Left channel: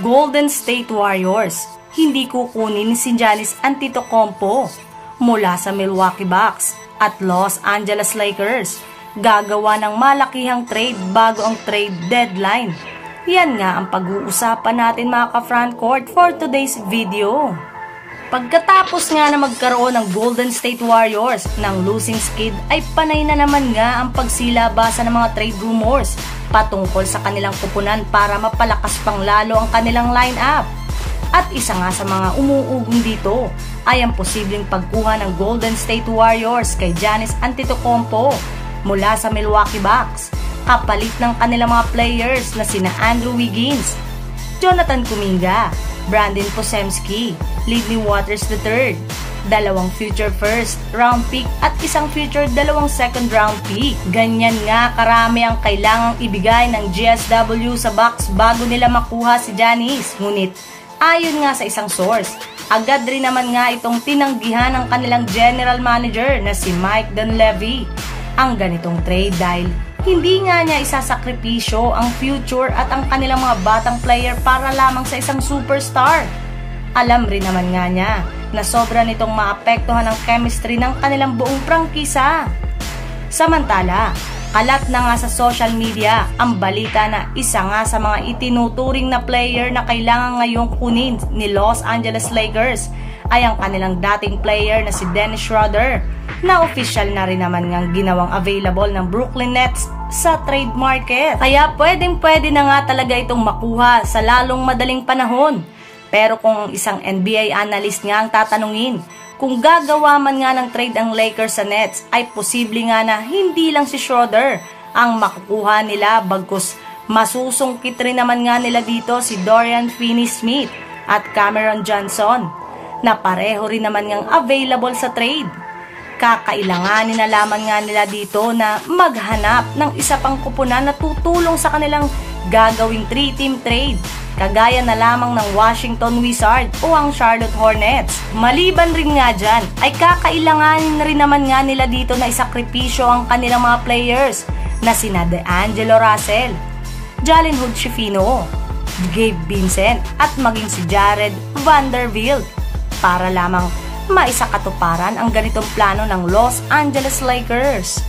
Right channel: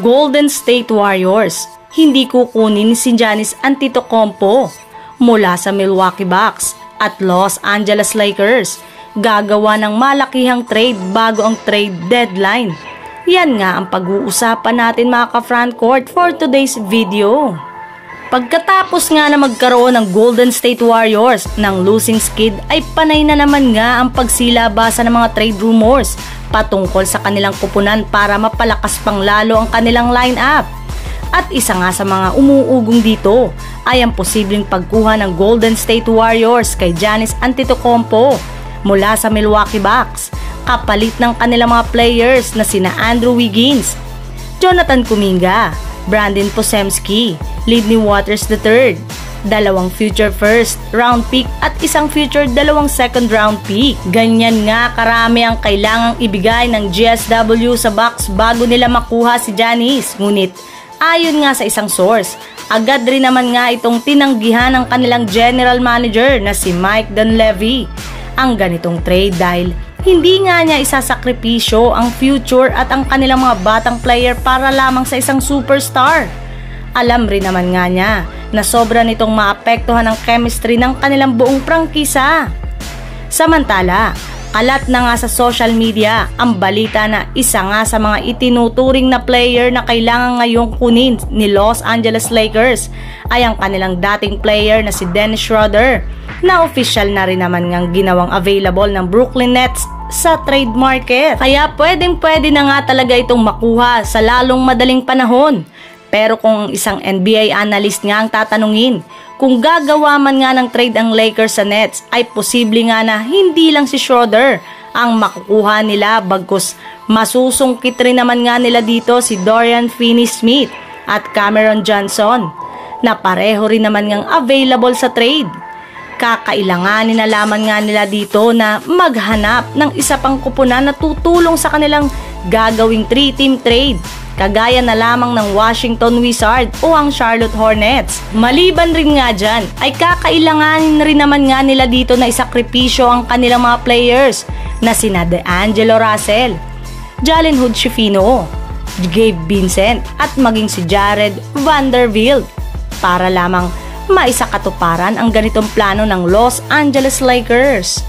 Golden State Warriors, hindi kukunin si Giannis Antetokounmpo mula sa Milwaukee Bucks at Los Angeles Lakers. Gagawa ng malakihang trade bago ang trade deadline. Yan nga ang pag-uusapan natin mga ka-frontcourt for today's video. Pagkatapos nga na magkaroon ng Golden State Warriors ng losing skid ay panay na naman nga ang pagsilabasa ng mga trade rumors patungkol sa kanilang kupunan para mapalakas pang lalo ang kanilang lineup. At isa nga sa mga umuugong dito ay ang posibleng pagkuha ng Golden State Warriors kay Giannis Antetokounmpo mula sa Milwaukee Bucks kapalit ng kanilang mga players na sina Andrew Wiggins, Jonathan Kuminga, Brandon Posemski, Lidney Waters III, 2 future first round pick at isang future 2 second round pick. Ganyan nga karami ang kailangang ibigay ng GSW sa Bucks bago nila makuha si Giannis. Ngunit ayon nga sa isang source, agad rin naman nga itong tinanggihan ng kanilang general manager na si Mike Dunleavy ang ganitong trade dahil hindi nga niya isasakripisyo ang future at ang kanilang mga batang player para lamang sa isang superstar. Alam rin naman nga niya na sobra nitong maapektuhan ang chemistry ng kanilang buong prangkisa. Samantala, kalat na nga sa social media ang balita na isa nga sa mga itinuturing na player na kailangan ngayong kunin ni Los Angeles Lakers ay ang kanilang dating player na si Dennis Schroeder na official na rin naman ngang ginawang available ng Brooklyn Nets sa trade market. Kaya pwede na nga talaga itong makuha sa lalong madaling panahon. Pero kung isang NBA analyst nga ang tatanungin, kung gagawa man nga ng trade ang Lakers sa Nets ay posible nga na hindi lang si Schroeder ang makukuha nila bagkus masusungkit rin naman nga nila dito si Dorian Finney-Smith at Cameron Johnson na pareho rin naman ngang available sa trade. Kakailanganin na lamang nga nila dito na maghanap ng isa pang kupunan na tutulong sa kanilang gagawing 3-team trade kagaya na lamang ng Washington Wizards o ang Charlotte Hornets. Maliban rin nga dyan ay kakailanganin rin naman nga nila dito na isakripisyo ang kanilang mga players na sina D'Angelo Russell, Jalen Hood-Schifino, Gabe Vincent at maging si Jared Vanderbilt para lamang maisakatuparan ang ganitong plano ng Los Angeles Lakers.